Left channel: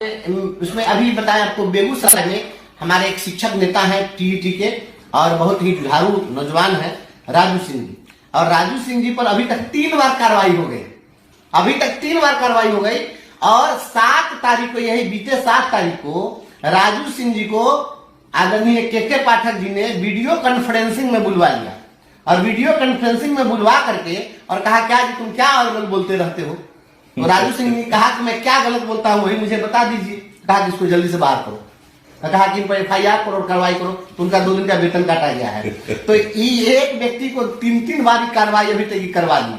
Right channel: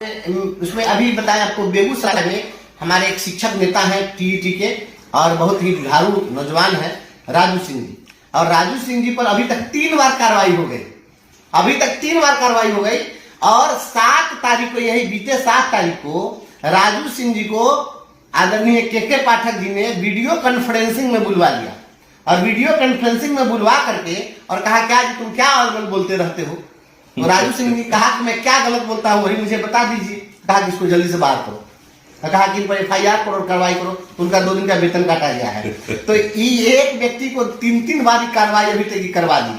उसमें अभी बताएं आपको, बेगूसराय में हमारे एक शिक्षक नेता हैं टीईटी के और बहुत ही जुझारू नौजवान है राजू सिंह जी। और राजू सिंह जी पर अभी तक 3 बार कार्रवाई हो गई, अभी तक 3 बार कार्रवाई हो गई। और 7 तारीख को, यही बीते 7 तारीख को राजू सिंह जी को आदरणीय के पाठक जी ने वीडियो कॉन्फ्रेंसिंग में बुलवा लिया और वीडियो कॉन्फ्रेंसिंग में बुलवा करके और कहा, क्या जी तुम क्या अलग बोलते रहते हो। तो राजू सिंह ने कहा कि मैं क्या गलत बोलता हूं वही मुझे बता दीजिए। कहा कि इसको जल्दी से बाहर करो, कहा कि इन पर FIR करो, कार्रवाई करो। तो उनका 2 दिन का वेतन काटा गया है। तो एक व्यक्ति को 3 बार कार्रवाई अभी तक करवा दी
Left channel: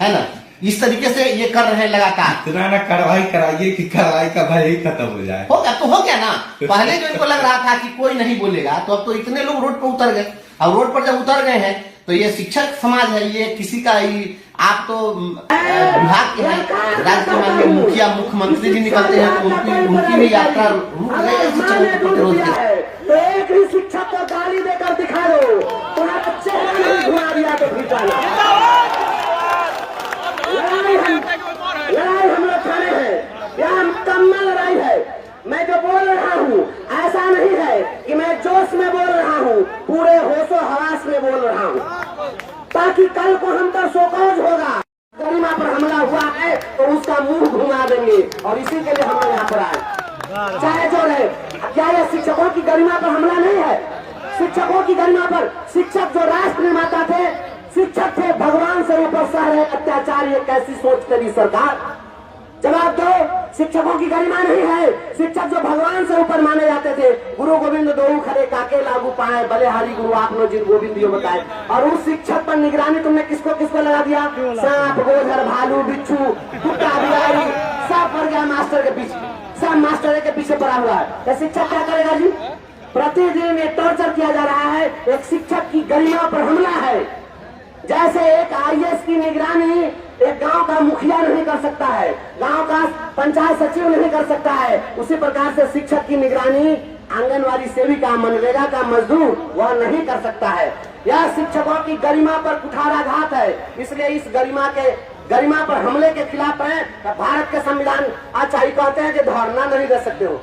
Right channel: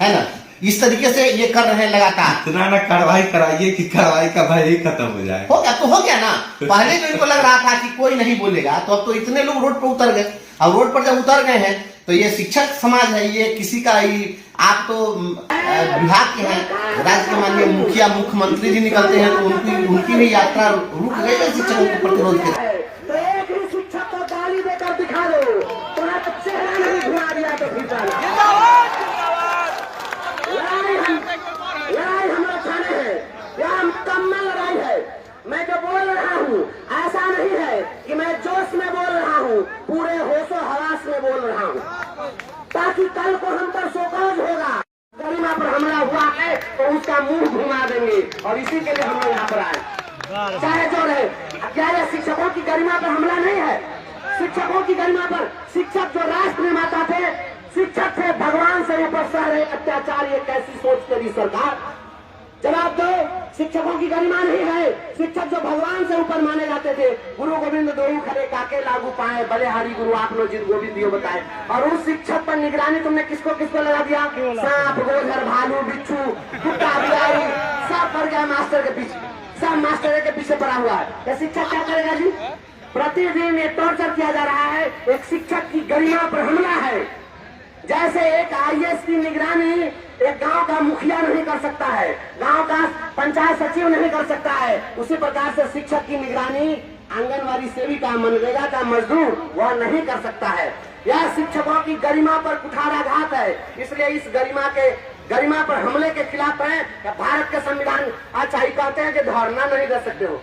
है ना। इस तरीके से ये कर रहे हैं लगातार। इतना ना कार्रवाई कराइए कि कार्रवाई का भय ही खत्म हो जाए। हो गया तो हो गया ना। पहले जो इनको लग रहा था कि कोई नहीं बोलेगा, तो अब तो इतने लोग रोड पर उतर गए। अब रोड पर जब उतर गए हैं तो ये शिक्षक समाज है, ये किसी का आप तो विभाग के हैं, राज्य के माननीय मुखिया मुख्यमंत्री जी निकलते हैं तो उनकी भी यात्रा रुक गई है शिक्षकों के प्रतिरोध के। तो एक ही शिक्षक को गाली देकर दिखा दो, तुम्हारे बच्चे घुमा दिया तो लड़ाई हम लोग खड़े हैं, यह मुकम्मल लड़ाई है। मैं जो बोल रहा हूँ ऐसा नहीं है कि मैं जोश में बोल रहा हूँ, पूरे होशो हवास में बोल रहा हूँ, ताकि कल को हम पर शोकौज होगा, गरिमा पर हमला हुआ है तो उसका मुंह घुमा देंगे। और इसी के लिए हम यहाँ पर आए, चाहे जो है। क्या यह शिक्षकों की गरिमा पर हमला नहीं है? शिक्षकों की गरिमा पर, शिक्षक जो राष्ट्र निर्माता थे, शिक्षक थे भगवान से ऊपर सह रहे अत्याचार, ये कैसी सोच करी सरकार? जवाब दो। शिक्षकों की गरिमा नहीं है। शिक्षक जो भगवान से ऊपर माने जाते थे, गुरु गोविंद दो खड़े काके लागू पाए, बलिहारी गुरु आपनो जिन गोविंद यो बताए। और उस शिक्षक पर निगरानी तुमने किसको किसको लगा दिया? सांप गोधर भालू बिच्छू कुत्ता बिलाड़ी सब पड़ गया मास्टर के पीछे, सब मास्टर के पीछे पड़ा हुआ है। ये शिक्षक क्या करेगा जी? प्रतिदिन ये टॉर्चर किया जा रहा है। एक शिक्षक की गरिमा पर हमला है। जैसे एक IAS की निगरानी एक गांव का मुखिया नहीं कर सकता है, गांव का पंचायत सचिव नहीं कर सकता है, उसी प्रकार से शिक्षक की निगरानी आंगनवाड़ी सेविका, मनरेगा का मजदूर वह नहीं कर सकता है। यह शिक्षकों की गरिमा पर कुठाराघात है। इसलिए इस गरिमा पर हमले के खिलाफ है। भारत के संविधान अच्छा ही कहते हैं कि धरना नहीं कर सकते हो,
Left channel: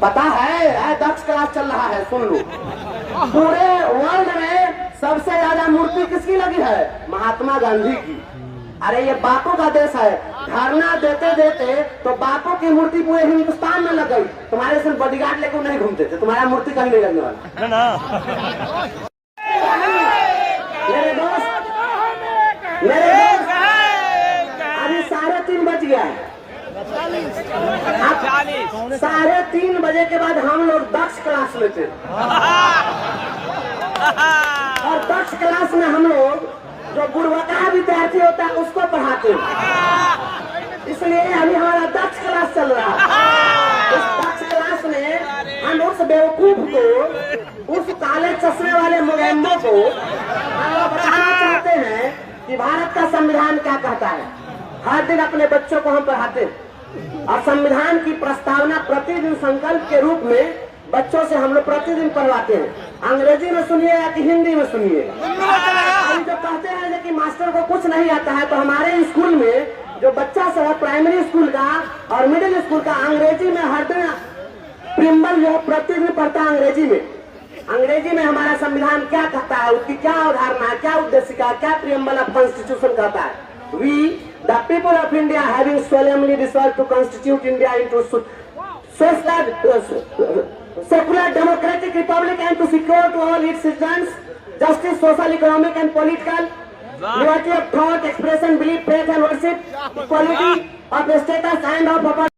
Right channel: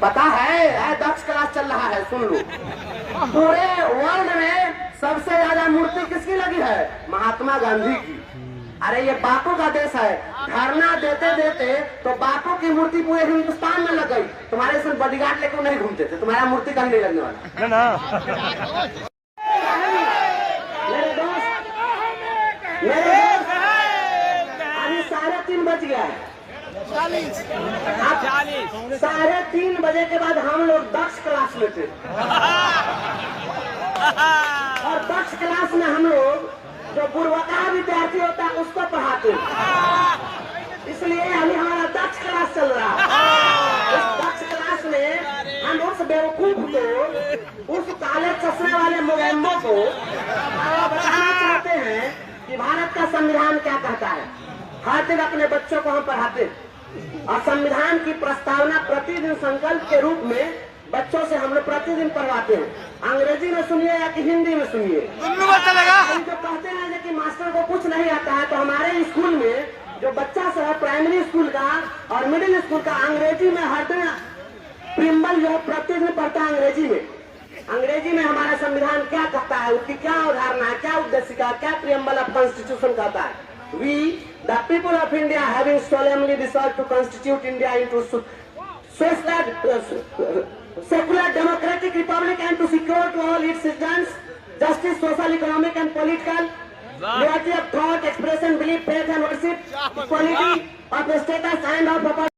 पता है 10 क्लास चल रहा है, सुन लो। पूरे वर्ल्ड में सबसे ज्यादा मूर्ति किसकी लगी है? महात्मा गांधी की। अरे ये बापू का देश है। धरना देते देते तो बापू की मूर्ति पूरे हिंदुस्तान में लग गई। तुम्हारे से बॉडीगार्ड लेकर नहीं घूमते थे, तुम्हारा मूर्ति कहीं नहीं लगने वाला। मेरे दोस्त अभी 3:30 बज गया है। 3:30 बजे के बाद हम लोग 10 क्लास लेते हैं और 10 क्लास में हम लोग जो गुणवत्ता विद्यार्थी होता है उसको पढ़ाते हैं। इसलिए अभी हमारा 10 क्लास चल रहा है। इस 10 क्लास में हम उस बेवकूफ को, उस काले चश्मे वाले मुगैम्बो को बताना चाहते हैं कि भारत का संविधान क्या कहता है। हर दिन अपने बच्चों को हम पढ़ाते हैं और संविधान की प्रस्तावना प्रतिदिन संकल्प के रूप में बच्चों से हम लोग प्रतिदिन पढ़वाते हैं। अंग्रेजी में सुनिए या कि हिंदी में सुनिए। अभी जो कहते हैं कि मास्टर को कुछ नहीं आता है, तो हमारे स्कूल में जो बच्चा सब है प्राइमरी स्कूल का और मिडिल स्कूल का, अंग्रेजी में हर दिन प्रियम्बल जो प्रतिदिन पढ़ता है अंग्रेजी में। अंग्रेजी में हमारा संविधान क्या कहता है, उसकी क्या अवधारणा है, क्या उद्देशिका, क्या प्रियम्बल ऑफ कॉन्स्टिट्यूशन कहता है। We, the people of India, having solemnly resolved to constitute India into secular democratic republic and to secure to all its citizens justice, social, economic and political, liberty of thought, expression, belief, faith and worship, equality of status and of property.